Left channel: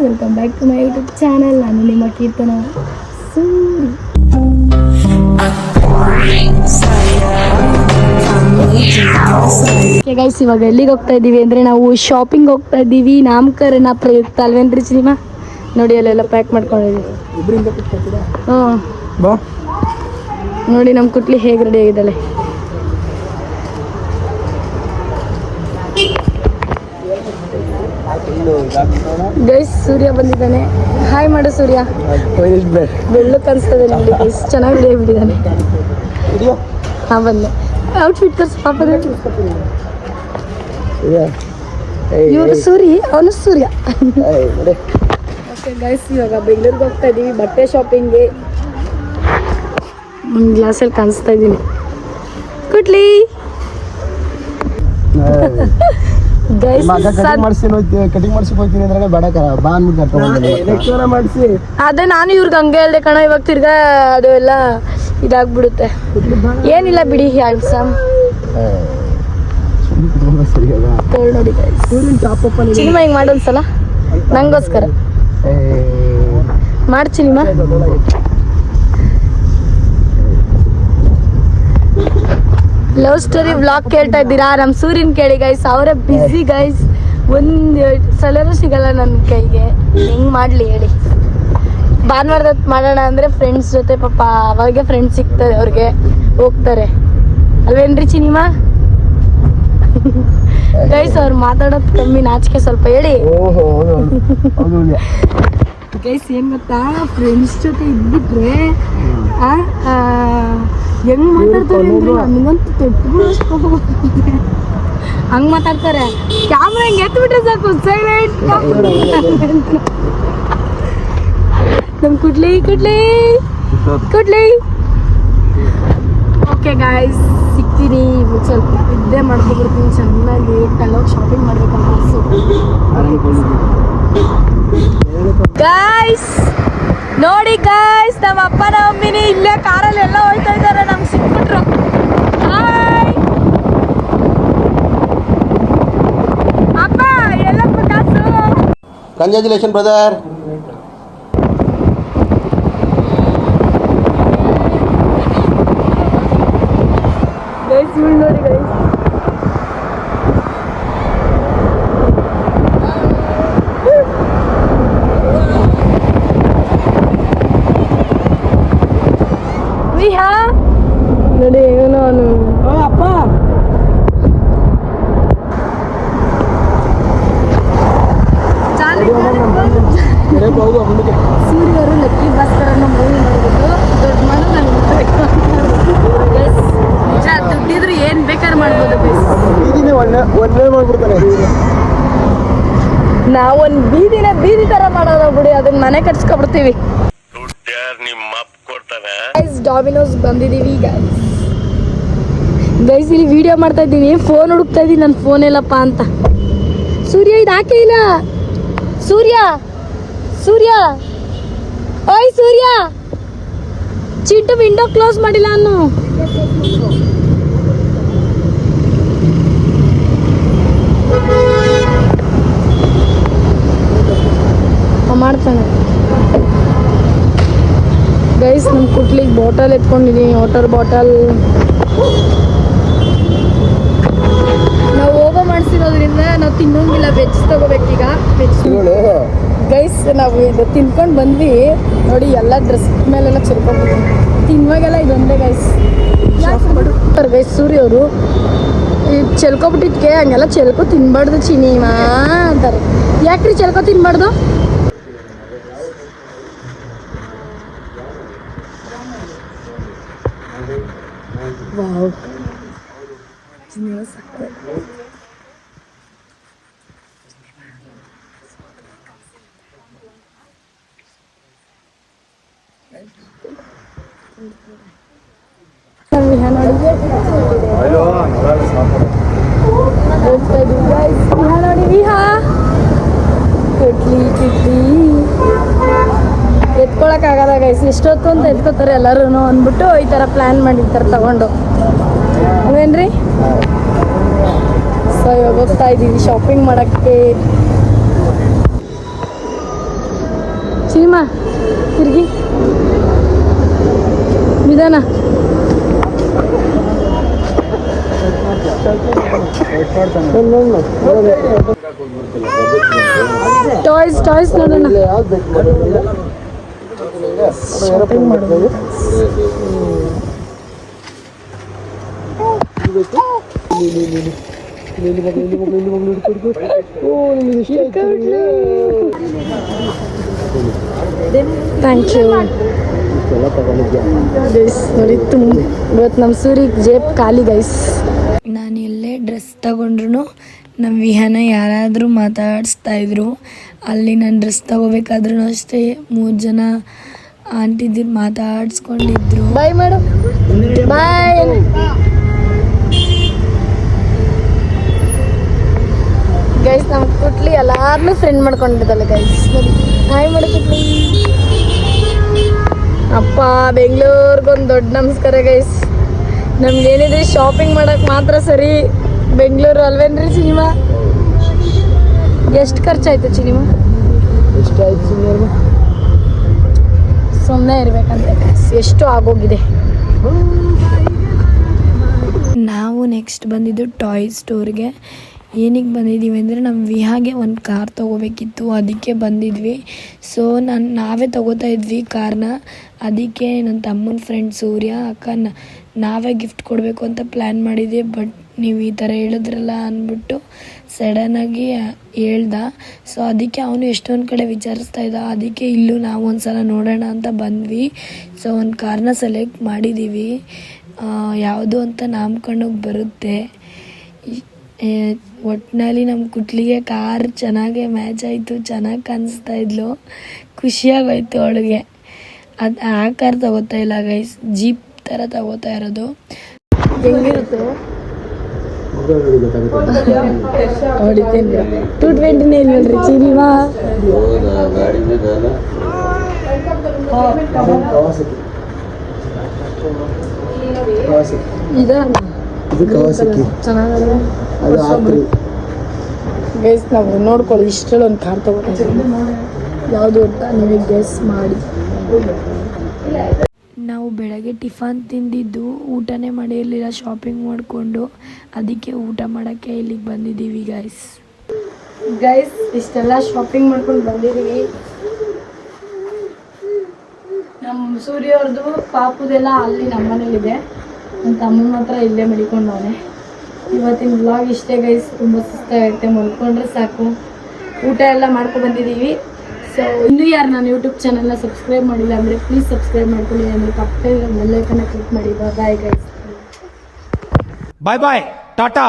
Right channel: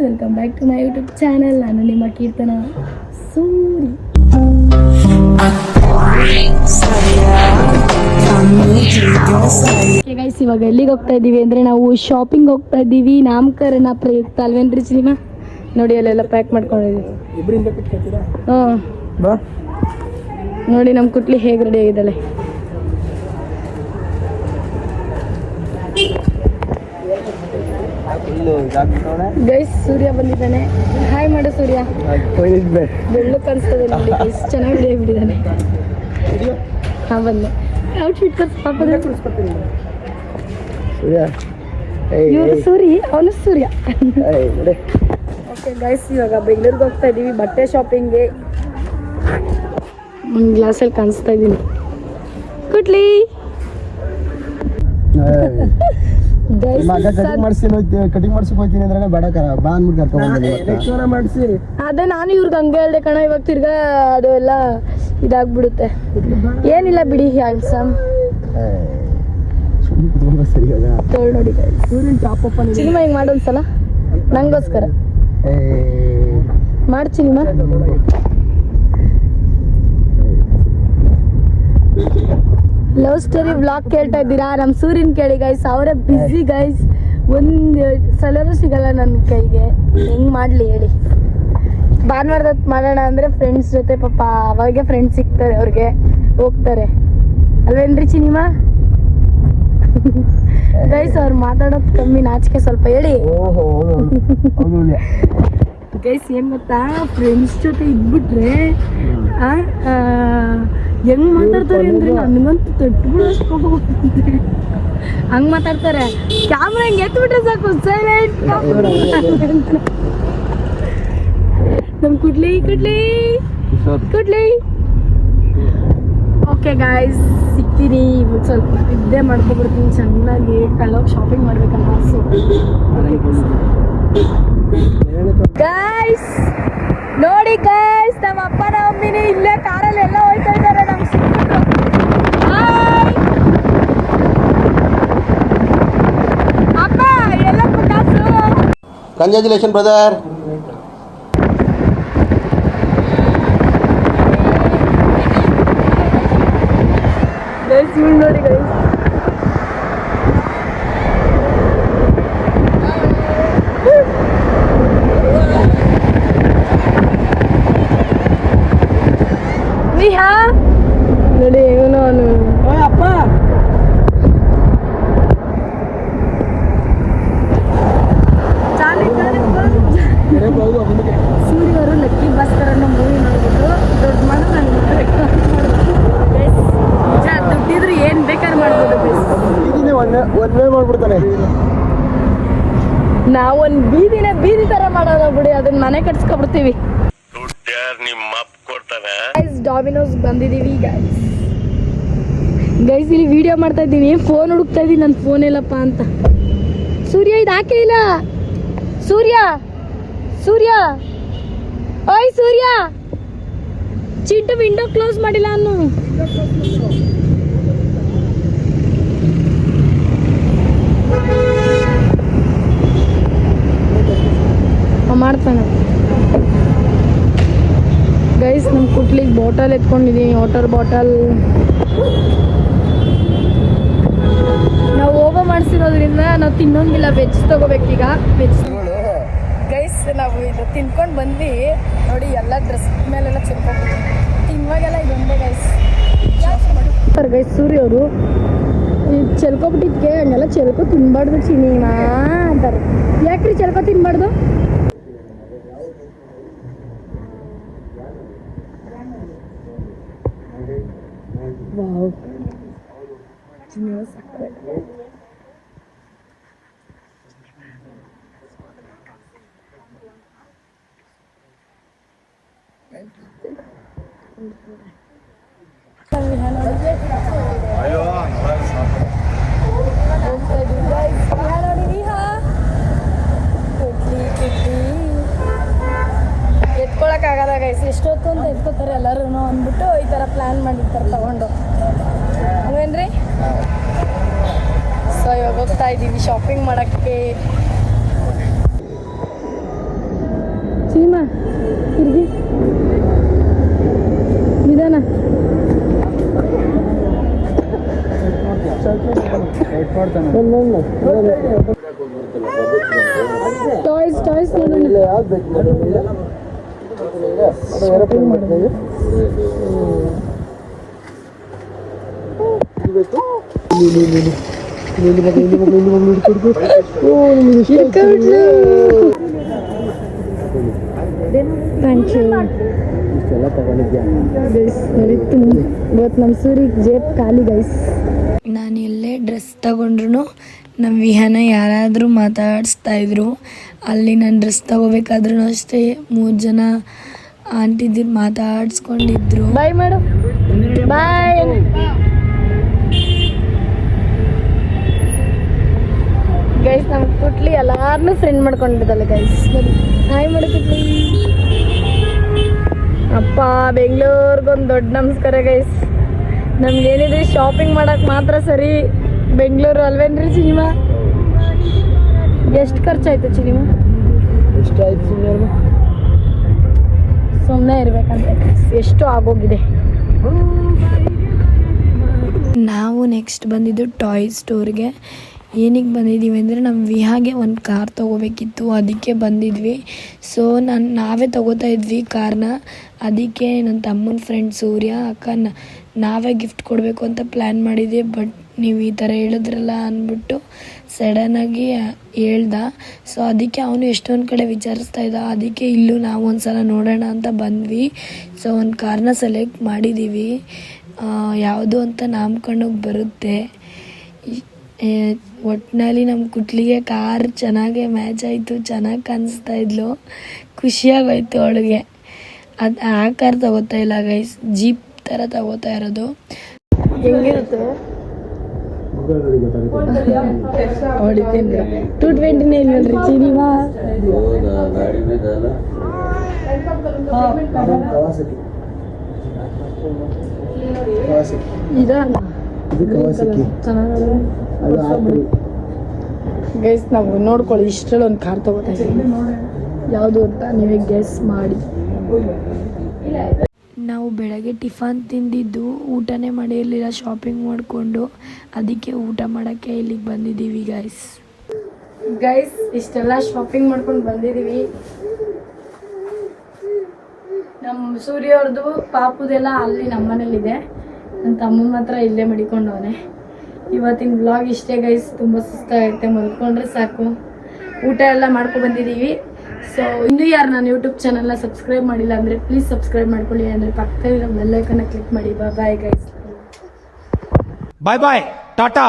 Welcome back to my YouTube channel ನಾನು ನಿಮ್ಮ ಕೀರ್ತನ Suri guys ಇವಾಗ ಎಲ್ಲಿಗೆ ಹೋಗ್ತಾ ಇದ್ದೀವಿ ಅಂದರೆ ನಾವು ಶಾಪಿಂಗ್ ಹೋಗ್ತಾ ಇದ್ದೀವಿ. ನಾಮಕರಣ ಪ್ರಯುಕ್ತ ಅಲ್ವೇನ್ರಿ ಸಿನಿಮಾ? ನೋಡಿ ಅಲ್ಲೆಲ್ಲ ಪ್ಯಾಕ್ ಮಾಡ್ಕೊಂಡಿದ್ದೀವಿ. ಹ್ಞೂ ನೋಡಿ ನಮ್ಮ ಕುಟ್ಲಿ ಹೇಗೆ ರೆಡಿ ಆಗಿದ್ದಾಳೆ ಇನ್ನು ಇದಾಗ್ಬಿಟ್ಟವನೆ ಗೈಸ್ ಸೂರ್ಯ ಬಂದಿದ್ದಾನೆ. ಹಾಯ್ ಮಾಡು ಸೂರ್ಯ. ಬೆಳ್ಳು ಕಾಣಿಸ್ತದೆ ನೋಡಿ ಗೈಸ್ ಚೆನ್ನಾಗಿ ಬೆಳೆ ಬಿಟ್ಟಿದ್ದಾನೆ ಹಾ ಬಂದೆ. ಔಟ್ಫಿಟ್ ಕರ್ಸ್ ಪಾಪ ಇವರು ಸೂರಿ ಅವನು ಸೂರ್ಯ. ಓಕೆ ಗೈಸ್ ಇವಾಗ ಬೆಂಗಳೂರಿಗೆ ಹೋಗ್ತಾ ಇದ್ದೀವಿ ಬಟ್ಟೆ ಶಾಪಿಂಗ್ಗೆ ಒಂದು ಗ್ಲಾಸಲ್ಲಿ ಕಾಣಿಸ್ತಾ ಇದ್ದೀನಿ ಕುಟ್ಲಿ ಕಟಿಂಗ್ ಮಾಡ್ಸಿಕ್ ಹೋಗ್ತೀನಿ ಅಂದ್ರೆ ಬೇಡ ಕರ ಬಾ ಅಂದ್ಬಿಟ್ಟು ಮಾಡಿಸಿ. ಅದೇ ನಾನು ಇವ್ರಿಗೆ ಹಂಗೆ ಹೇಳ್ದೆ ಕಣ ಇವಾಗ ತಿರ್ಗಾ ಅದು ಎಲ್ಲ ಇದಾಗ್ಬಿಡುತ್ತೆ. ಏನಿಲ್ಲ ಬಿಡಿ ಹ್ಯಾಂಡ್ಸಮ್ ನೋಡಿ ಸಿನಿಮಾ ಹಿಂಗೆ ಸಲ ನಂಗೋಸ್ಕರ. ಏಯ್ ಮಾಡಿ ಸಿನಿಮಾ ಲವ್ ಸ್ಟೋರಿ ಬ್ಲಾಗ್ ಕೇಳ್ತಾ ಇದ್ದೀರಾ? ನಮ್ಮ ಸೂರ್ಯನ್ ಕೇಳಿ ಗೈಸ್ ಅವರ ಬಿಸಿ ಗೈಸ್ ಒಂದು ಸಲನೂ ಸಿಗಲ್ಲ ನನ್ನ ಕೈಗೆ. ಹೆಂಗ್ ಮಾಡ್ಲಿ ಹೇಳಿ. ಭಾನುವಾರದ ಮಾಡೋಣ ಅಂದ್ರೆ ಫ್ರೆಂಡ್ಸ್ ಜೊತೆ ಪಾಪ ಅವಾಗೆ ಫ್ರೆಂಡ್ಸ್ ಸಿಗ್ತಾರೆ ಅವ್ರಿಗೆ. ಹೋಗ್ತಾರೆ. ಅಲ್ವೇನ್ರಿ ಸಿನಿಮಾ ಗೈಸ್ ಅವ್ರು ಮಾತಾಡೋದು ಕಮ್ಮಿ ನಾಚಿಕೆ ಸ್ವಲ್ಪ ಹೇಳಿ. ಗೈಸ್ ಏನ್ ಗೊತ್ತಾ? ಫ್ರೆಂಡ್ಸ್ ಜೊತೆ ಇದ್ಬಿಟ್ರೆ ಹೆಂಗ್ ಮಾತಾಡ್ತಾರೆ ಅಂದ್ರೆ ನನಗಂತೂ ತೊಟ್ಬಿಡೋಷ್ಟು ಹಂಗ್ ಮಾತಾಡ್ತಾರೆ. ಕ್ಯಾಮ್ರಾ ಹಿಂಗ್ ಎತ್ಬಿಟ್ರೆ ಸಾಕು ಸೈಲೆಂಟ್ ನಮ್ ಕುಡ್ಲಿ ಕುಡ್ಲಿ ಕುಡ್ಲಿ. ಓಕೆ ಗಾಯ್ಸ್ ಸಿಗ್ತೀನಿ. ಇವಾಗ ಸ್ವಲ್ಪ ನಿದ್ದೆ ಮಾಡ್ಕೊಬಿಡ್ತೀನಿ ಚೆನ್ನಾಗಿ ಕಲ್ಲೋಗಿ ಶಾಪಿಂಗ್ ಮಾಡ್ಬೇಕಂತ ಅನ್ಸು ಗಾಯ್ಸ್ ನೋಡಿ ಗಾಯ್ಸ್ ನಮ್ಮ ಅಪ್ಪನ ಮಮ್ಮಿನಿ ಇಲ್ಲೇ ಕಾರಲ್ಲಿ ಎಲ್ಲ ಹೋಯ್ತಾ ಇದ್ದಾರೆ, ನಮ್ಗೆ ಸಿಕ್ಬಿಟ್ರು. ಅಪ್ಪ, ಎಲ್ಲ ಕಂಗ್ರ್ಯಾಚುಲೇಷನ್ ಬ್ರದರ್ ಗೈಸ್ ಇವ್ಳು ನೋಡಿ ಗೈಸ್ ವಿಹಾ ನೋಡಿ ಇವನು ಅವನು ಅಪ್ಪ ಹೋಗು ಮುಂದಕ್ಕೆ ಸೂರ್ಯ ಅವರು ಲಕ್ಕಿ ಭಾಸ್ಕರ್ ಅನ್ನೋ ಮೂವಿ ನೋಡ್ಬಿಟ್ಟು ದೊಡ್ಡ ಗೈಸ್ ನಿಜ ದುಡ್ಡಿದ್ರು ಏನ್ ಬೇಕಾದ್ರೆ ಮಾಡ್ಬೋದು ಗೈಸ್ ಬೀದಿನೇ ಒಳ್ಳೆ ಒಳ್ಳೆ ಮಾಡ್ಬಿಡ್ತಾನೆ ನಾವೊಂದ್ ಬೀದಿನ ಬೀದಿ ತರ ಮಾಡೋದ ಬಿಡಿ ಅದನ್ನ ಮನೆ ಕಟ್ಸ್ಕೊಬಿಡ್ತೀವಿ. ಡಾಮಿನೋಸ್ ಬಂದಿದೀವಿ ಗೈಸ್ ಗೈಸ್ ಇಲ್ಲಿ ವಿಡಿಯೋ ಮಾಡ್ತಾ ಇದ್ದೀವಿ. ಫೋನ್ ಹುಡುಕ್ತಾ ಇದೀನಿ ನನ್ನ ಫೋನ್ ಇಲ್ಲಪ್ಪ ಅಂತ. ಸೂರ್ಯ ಇದು ಹಾಕೇ ಇಲ್ಲ? ಸೂರ್ಯ ಸೂರ್ಯ. ಓಯ್ ಸೂರ್ಯ. ಚಿಟ್ಟು ವಿಂಡೋ ಕ್ಲೋಸ್ ಮಾಡಿಲ್ಲ ಅನ್ನು. ಮಾಡ್ತೇನೆ. ಗೈಸ್ ನಮ್ಮ ಕುಟ್ಲಿಗೆ ಬಾಟಲ್ ಎತ್ಕೊಂಡಿದ್ದೀನಿ ವಾಟರ್ ಬಾಟಲ್ ನಾವು ಹೋಗೋ ಮಾಡಿಸಿರೋದ್ರಿಂದ ನಾವು ತಿನ್ನೋಂಗಿಲ್ಲ ವೆಜ್ ತಗೋಬೇಕೀಗ ವೆಜ್ ಗೈಸ್ ನಾವು ಇದು ತಿನ್ಕೊಂಡು ಬಂದ್ವಿ. ನೋಡಿ ಎಲ್ಲ ಡ್ರೆಸ್ ಮೇಲೆಲ್ಲ ಚೆಲ್ಕೊಂಡಿದ್ವಿ ತಿನ್ನುವಾಗೆಲ್ಲ ಇದೊಂದೇ ಗೈಸ್ ಗೈಸ್ ಸೂರ್ಯ ಅವರು ಚೆಲ್ಕೊಬಿಟ್ಟಿದ್ಕೆ ಹಂಗೆಲ್ಲ ಚೆಲ್ಕೊ ತಿನ್ಬಾರ್ದು ಚಿನಿಮಾ ಅಂತಾರೆ. ಯಾಕ್ರಿ ಚೆಲ್ಕೊ ತಿನ್ಬಾರ್ದು? ವಾವ್ ಚಿನಿಮಾ ಸಕ್ಕತ್ತಾಗಿದೆ. ನಾವು ವಿಹಾನ ಹೋಗ್ತಾ ಇದೀವಿ ಎತ್ಕೊಳಕ್ಕಾಗಲ್ಲ ಗೈಸ್ ಇಷ್ಟೊತ್ತೊಂದು ಅಂತ ಎತ್ಕೋತಾರೆ ಎಲ್ಲರೂ ಅಂದ್ಬಿಟ್ಟು ಈ ಥರ ಪ್ಲ್ಯಾನ್ ಮಾಡಿರ್ತಾರೆ ತಗೊಂಡು. ಅಲ್ವೇನ್ರಿ ಸೊ ಇವಾಗ ಹೋಗ್ತಾ ಇದ್ದೀವಿ ಶಾಪಿಂಗ್ ಮಾಡೋಕ್ಕೆ. ಸಿನಿಮಾ ತಿರ್ಗಿ. ನಿಧಾನ. ಟಾಯ್ಸ್ ಟಾಯ್ಸ್ ನೋಡೋಣ. ಶಾಪಿಂಗ್ ಮಾಡೋದು. ಥ್ಯಾಂಕ್ ಯು ನೋಡಿ ತುಂಬ ಇವತ್ತು ನಮ್ಮ ಸೂರಿಗೆ ಜೇಬ್ ಖಾಲಿ ಗೈಸ್ ನಾನು ಎಲ್ಲೇ ಡ್ರೆಸ್ ತಗೊಂಡ್ರು ನಮ್ಮ ವಿಹಾನ ಯಾರಾದರೂ ಮಾತಾಡಿಸ್ತಾ ಇದ್ರು. ಅಲ್ಲಿ ನಾನು ಡ್ರೆಸ್ ತಗೋಬೇಕಾದ್ರೂ ಅಷ್ಟೇ ಮೂರು ಜನ ಆಂಟಿದಿರು ಮಾತಾಡ್ಸ್ಕೊಂಡಿದ್ರು. ಬಾಯ್ ಮೇಡಮ್ ಬಾಯ್ ಗೈಸ್ ನಮ್ಮ ಕುಟ್ಲಿ ಎಲ್ಲಾರನ್ನೂ ಫ್ರೆಂಡ್ ಮಾಡ್ಕೊಂಡಿದ್ದಲ್ಲ ಗೈಸ್ ಹಾಯ್ ಮಾಡಿ ಕುಟ್ಲಿ. ಅಪ್ಪ ಬೆಂಗಳೂರಿಗೊಂದು ದೊಡ್ಡ ನಮಸ್ಕಾರ ಗೈಸ್ ನಮ್ಗೇನಿದೆ ಶಾಪಿಂಗ್ ಮಾಡಕ್ ಮಾತ್ರ ಸರಿ. ಬೆಂಗಳೂರು ಅಲ್ವೇನ್ರಿ ಸಿನಿಮಾ ಎಷ್ಟು ಖರ್ಚಾಯ್ತು ಸಿನಿಮಾ ಎಷ್ಟು ಆಯ್ತು ಸುಮ್ಮನೆ ಇರ್ಬೇಕಂತೆ. ಎಷ್ಟು ಆಗೋಗಿದೆ. ನಾವು ನೆಕ್ಸ್ಟ್ ಬಂದಿದ್ದು ಟಾಯ್ ಸ್ಟೋರ್ಗೆ ಏನಕ್ಕೆ ಬಂದಿದ್ದೀವಿ ಅಂದರೆ ನಮ್ಮ ವಿಹಾಗೆ ಒಂದು ಕಾರ್ ತೊಗೋಬೇಕಿತ್ತು. ಅದಕ್ಕೆ ಬಂದಿದ್ವಿ. ಸೊ ನಾನು ನಾವೇ ತಗೋತಾ ಇದ್ವಿ ಕಾರ್ನ ಅದಕ್ಕೆ ನನ್ನ ತಮ್ಮನ ಫ್ರೆಂಡ್ ಸೂರ್ಯ ಅಕ್ಕ ನಾವೇ ಗಿಫ್ಟ್ ಕೊಡಬೇಕು ಅಂತ ಪ್ಲ್ಯಾನ್ ಮಾಡಿದ್ದೆ. ಬಟ್ ನೀವು ಈ ಥರ ಹೇಳಿದ್ರಲ್ಲ ಅಂದ್ಬಿಟ್ಟು ಸಡನ್ನಾಗಿ ಹೇಳ್ದ. ಸೊ ಅದಕ್ಕೆ ಅವನು ಎಷ್ಟೊಂದು ಕಡೆ ವಿಚಾರಿಸ್ತಾ ಇದ್ದ. ಅದಕ್ಕೆ ಇಲ್ಲೂ ನಾವು ಒಂದು ಸಲ ನೋಡೋಣ ಅಂತ ಬಂದ್ವಿ. ಸೊ ಒಂದು ಕಾರ್ನ ಸೆಲೆಕ್ಟ್ ಮಾಡಿದ್ದೀವಿ ಯಾವುದು ಅಂತ ನಾಮ್ಕೊಂಡೋಗಿ ಬರುತ್ತೆ. ಒಟ್ಟಿನಲ್ಲಿ ನಮ್ಮ ಕುಟ್ಲಿಗೆ ಕಾರ್ ಚೆನ್ನಾಗೆ ಮ್ಯಾಚ್ ಆಯಿತು, ಚೆನ್ನಾಗಿ ಕಾಣಿಸ್ತಾ ಇದ್ಲು. ಖುಷಿಯಾಗೋಯ್ತು ಅವಳಿಗೆ. ಅದು, ಆ ಕಾರ್ ತಗೋತಾ ಇಲ್ಲ ಗೈಸ್ ಜೀಪ್ ಥರ ತಗೋತಾ ಇರೋದು. ಹೆಂಗಿರುತ್ತೆ? ಟ್ವೆಂಟಿನೇ ಇದ ನಾವು ನೋಡ್ಕೊಳ್ಳಿ ಇಷ್ಟರಲ್ಲಿ ಒಂದು ಕಾರ್ ತಗೋತೀವಿ ಯಾವುದು ಅಂತ ನಿಮಗೆ ಗೆಸ್ ಮಾಡಿ ನಾವು ಬೆಳಗ್ಗೆ ಟಿಫನ್ ತಿಂದಿದ್ದು ಊಟನೇ ಮಾಡಿರಲಿಲ್ಲ ಶಾಪಿಂಗ್ ಮಾಡಿಕೊಂಡು ಅದಕ್ಕೆ ಊಟ ಮಾಡೋಕ್ಕೆ ಇಲ್ಲಿಗೆ ಬಂದಿದ್ದೀವಿ ಗೈಸ್ ಗೈಸ್ ಇಷ್ಟೆಲ್ಲ ಶಾಪಿಂಗ್ ಮಾಡ್ಕೊಂಡು ಬಂದಿದ್ದೀವಿ. ನಮ್ಮ ಸೂರ್ಯವ್ರದ್ದು ಪಾಪುದೆಲ್ಲ ಅಲ್ಲಿ ನಮ್ಮನೇಲಿದೆ ನನ್ನ ತಮ್ಮನ ಮಾತ್ರ ಇಲ್ಲೇ ಮಡಿಕೊಂಡವನೆ ಇವತ್ತಿನ ಬ್ಲಾಗ್ ಇಷ್ಟೇ ಗೈಸ್ ತುಂಬ ಸುಸ್ತಾಗೈತೆ. ಮಲ್ಕೊಂಡ್ರೆ ಸಾಕು. ಊಟ ಎಲ್ಲ ಮಾಡ್ಕೊಂಡು ಬಂದಿದ್ದೀವಿ. ಸೊ ಇನ್ನು ಯಾರು ನಾನು ಯೂಟ್ಯೂಬ್ ಚಾನಲ್ನ ಸಬ್ಸ್ಕ್ರೈಬ್ ಮಾಡಿಲ್ಲ ಅಂದರೆ ಪ್ಲೀಸ್ ಸಬ್ಸ್ಕ್ರೈಬ್ ಮಾಡ್ಕೊಳ್ಳಿ. ಅಂದರೆ ಪಕ್ಕದ ಬೆಲ್ಲೈಕನ್ನ ಕ್ಲಿಕ್ ಮಾಡಿ. ಬಾಯ್ ಗೈಸ್ ಬಾಯ್ ಬಾಯ್ ಟಾಟಾ